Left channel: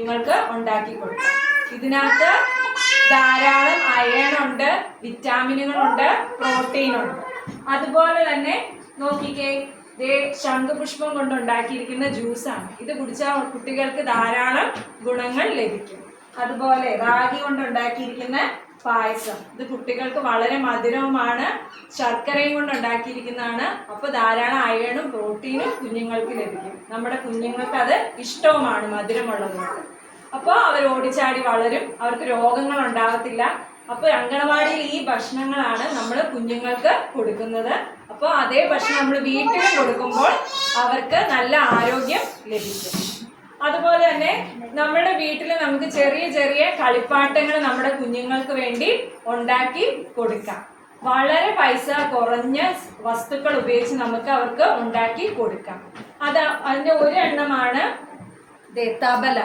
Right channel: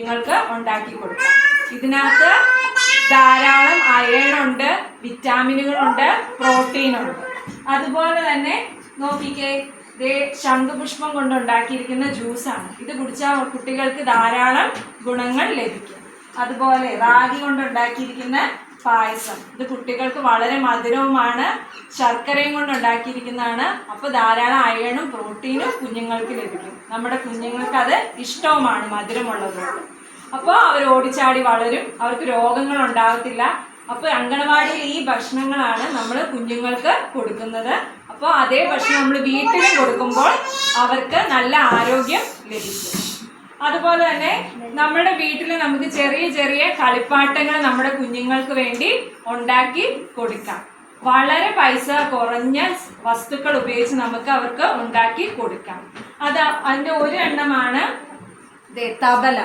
നിങ്ങൾക്ക് ഉണ്ടാക്കി കൊടുക്കാം. ഇതിനകത്ത് ധാരാളം അയൺ ഉണ്ട്, വിറ്റാമിനുകളുണ്ട്, പ്രോട്ടീൻ ഉണ്ട്. അതുപോലെ തന്നെ നോക്കിക്കേ, ശംഖുപുഷ്പം കൊണ്ട് ഉണ്ടാക്കിയിരിക്കുന്ന ജ്യൂസാണ്. ഇത് കുടിച്ചാൽ കുട്ടികൾക്ക് ധാരാളം ഗുണങ്ങൾ ലഭിക്കും. അതുപോലെ റാഗി കൊണ്ട് ഉണ്ടാക്കിയിരിക്കുന്ന പായസം, ഇത് കുട്ടികൾക്ക് വളരെ മധുരവുമാണ്, ശർക്കരയും കൊണ്ട് ഉണ്ടാക്കിയിരിക്കുന്നതാണ്. അപ്പോൾ ധാരാളം അയണും പ്രോട്ടീനും കുഞ്ഞുങ്ങൾക്ക് ലഭിക്കും. നമ്മുടെ കുഞ്ഞുങ്ങൾക്ക് അത് ഇഷ്ടവുമാണ്, മധുരമുള്ളത്. അപ്പോൾ അവർ ഓടിച്ചാടി വളരും, അവർക്ക് രോഗങ്ങൾ ഉണ്ടാകത്തില്ല. അപ്പോൾ അംഗനവാടിയിൽ ഈ ഭക്ഷണങ്ങളാണ് നമ്മൾ കുഞ്ഞുങ്ങൾക്ക് കൊടുക്കുന്നത്. അപ്പോൾ അതേ ഭക്ഷണം നമ്മൾ വീട്ടിലും കൊടുക്കുമ്പോൾ അവർക്ക് നല്ല ആരോഗ്യം ലഭിക്കും. അതുപോലെ തന്നെ നമ്മുടെ വീട്ടിൽ നമുക്ക് ചെറിയ ചെറിയ കളിപ്പാട്ടങ്ങൾ നമ്മുടെ കുഞ്ഞുങ്ങൾക്ക് വേണ്ടി ഉണ്ടാക്കി കൊടുക്കാം. വളരെ പൈസ കുറഞ്ഞ വസ്തുക്കൾ ഉപയോഗിച്ച് നമുക്ക് അവർക്ക് ഉണ്ടാക്കി കൊടുക്കാം. അതിൻ്റെ ഒരു എണ്ണമാണ് തബല.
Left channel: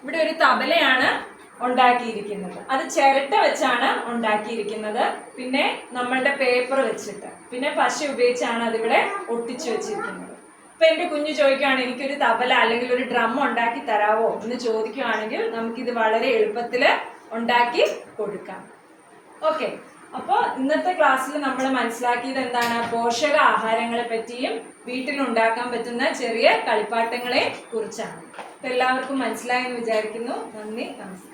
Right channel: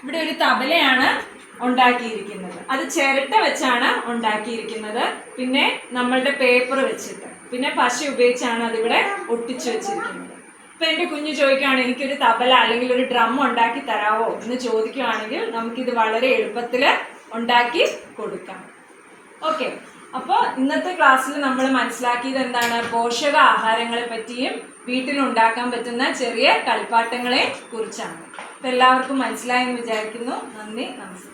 ഇവിടെ ഒരു തബലയാണ് ഉണ്ടാക്കിയിരിക്കുന്നത്. അത് ചിരട്ട വെച്ചാണ് ഉണ്ടാക്കിയിരിക്കുന്നത്. പിന്നെ നമ്മളുടെ പേപ്പർ വെച്ചിട്ട്, പിന്നെ പശ ഉപയോഗിച്ചാണ് അതിവിടെ ഒട്ടിച്ചു വെച്ചിരിക്കുന്നത്. ഇപ്പൊ എൻ്റെ കുഞ്ഞ് ചോദിക്കുകയാണ്, എനിക്കൊരു തബല അല്ലെങ്കിൽ ഒരു ഡ്രം ഉണ്ടാക്കി തരാവോ എന്ന് ചോദിക്കുകയാണെങ്കിൽ നമുക്കിത് വളരെ എളുപ്പത്തിൽ ഉണ്ടാക്കി കൊടുക്കാം. ഓക്കെ, അപ്പോൾ ഇന്നത്തെ ക്ലാസ്സിൽ നമ്മൾ മനസ്സിലാക്കിയത് എന്താണ്? പോഷക ആഹാരങ്ങളെ പറ്റിയും വീട്ടിലുണ്ടാക്കാൻ പറ്റുന്ന ചെറിയ കളിപ്പാട്ടങ്ങളെ കുറിച്ചാണ്. എല്ലാവർക്കും മനസ്സിലായെന്ന് വിചാരിക്കുന്നു. നന്ദി, നമസ്കാരം.